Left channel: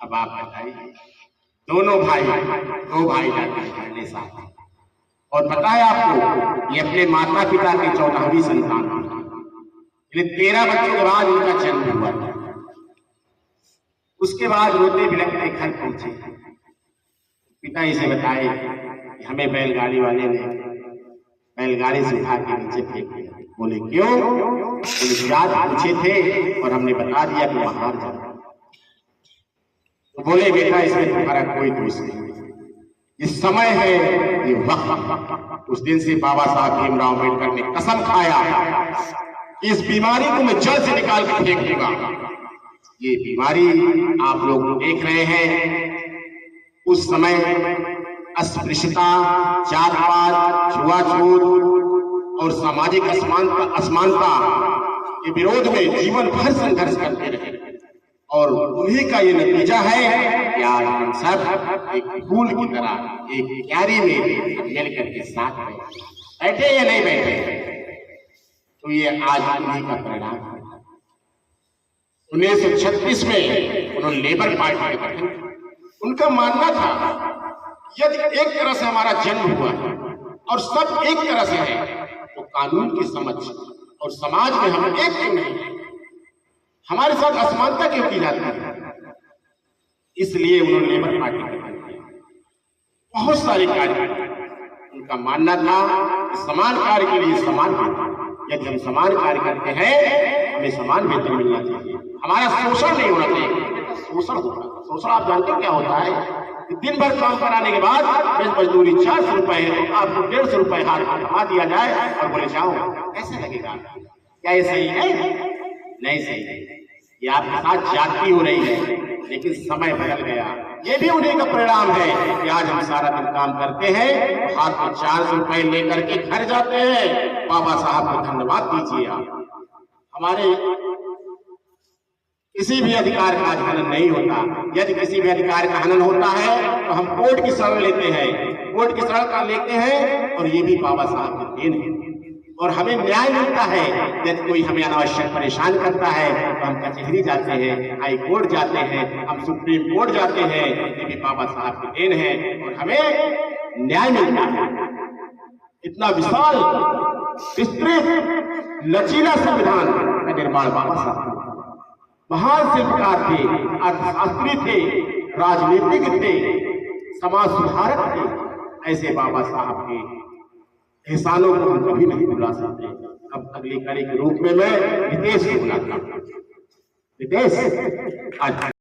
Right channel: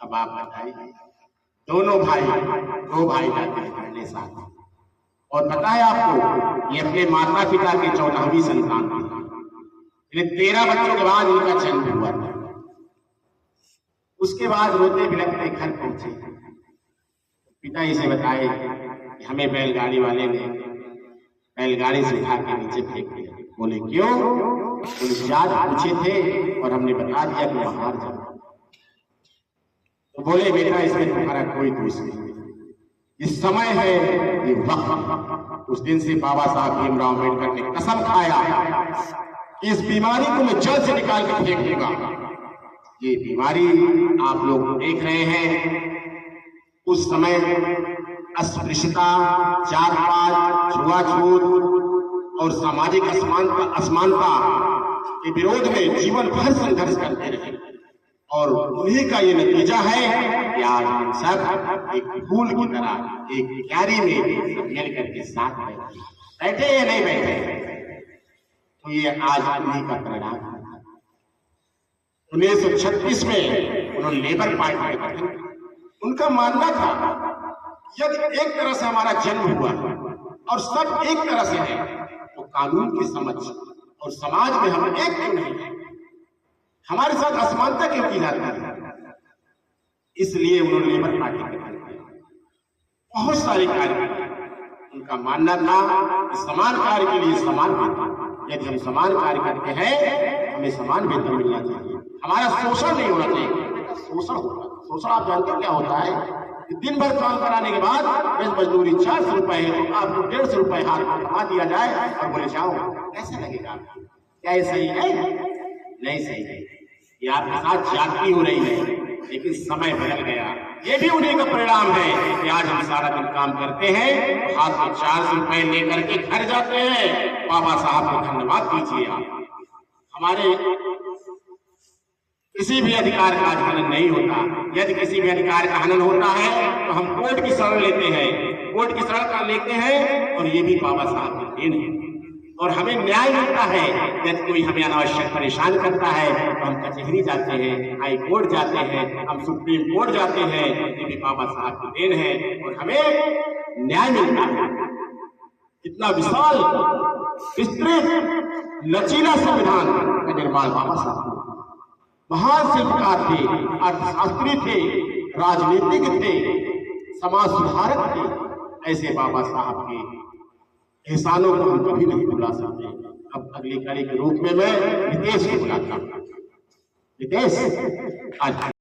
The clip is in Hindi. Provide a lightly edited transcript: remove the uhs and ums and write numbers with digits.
अब आप बताइए, दोनों भाई, दो भाई जाते हैं पढ़ने साथ, और पता है आपको ये अपने माता पिता की 14वीं संतान थी। 13 बच्चों के बाद उनका जन्म हुआ। उसके बाद रोते बिलखते घर पहुंचे। पिता इसे बताए कि हमें बैलगाड़ी वाले ने बैलगाड़ी से उठा के नीचे फेंक दिया। बोले क्यों? याद पूछे थे और हमने बता दिया कि बाहर जाओ। तो बोले बेटा इसमें तुम्हारा कोई दोष नहीं, ये समय है, ये वक्त। उस दिन से बाबा साहब भीमराव अम्बेडकर ने कसम खाया कि इस बीमारी को मैं जड़ से निकाल के फेंक दूंगा। ये बीमारी आप लोग देख रहे हैं, उस समय अस्पृश्यता, जात पात, छुआछूत और सामाजिक असमानता के विरोध में जीवन भर संघर्ष करते रहे, और उन्हीं का ये नतीजा है कि आज हम सब एक फूल की तरह एक क्यारी में मिल करके साथ बैठे या नहीं बैठे, तो ये आज उन्हीं का परिणाम है। 1936 में उन्होंने लेबर पार्टी का गठन किया। उनका मानना था यदि एक तरह से हमारा जन्म हुआ है और सब एक तरह से है, तो कानून की समझ और समाज में हम एक क्यों नहीं, हमारे साथ असमानता क्यों की जाती है? इसलिए उन्होंने लेबर पार्टी का गठन किया। बहुत सारे कार्य किए। उनका मानना था कि समान कार्य के लिए समान वेतन, यदि हम समान कार्य करते हैं हमें समान वेतन मिलना चाहिए, हमारा शोषण नहीं होना चाहिए। शोषण होता है, शोषण आप जानते हो क्या होता है? दिन भर काम कराने के बाद मजदूरी 400 रुपए है, तो आपको 150 रुपए हाथ में थमा दिया जाए और बोले जाओ, कैसे लगेगा? क्या ये सही है? नहीं सही है। ये आपके साथ जाति हो रही है, लेकिन समय बदल गया। ये भी उन्हीं का परिणाम है कि आज हम सारा दिन काम करते हैं, हाथ में 400 रुपए लेकर के घर जाते हैं। बाबा साहब को धन्यवाद दीजिए। आप हमारे किसी भी अधिकार का हनन नहीं होता। यदि किसी भी अधिकार का हनन होता है तो हम कोर्ट की शरण लेते हैं, कोर्ट की शरण लेते हैं, और ये भी बाबा साहब की देन है। और हमें न्याय मिलता है। यदि कोई हमें अनावश्यक परेशान करता है तो हम कचहरी जाते हैं, हाई कोर्ट जाते हैं, हम सुप्रीम कोर्ट जाते हैं, ये भी बाबा साहब की देन है और हमें न्याय मिलता है। इतना विशाल, विस्तृत, लचीला संविधान का निर्माण बाबा साहब, महान शिल्पकार थे, अर्थशास्त्री थे, राजनीतिक थे, समाज सुधारक थे। ऐसे बाबा साहब के एहसानों को हम कभी नहीं भुला सकते। अब अगली कड़ी के रूप में मैं रितेश को बुलाता हूं। रितेश, आज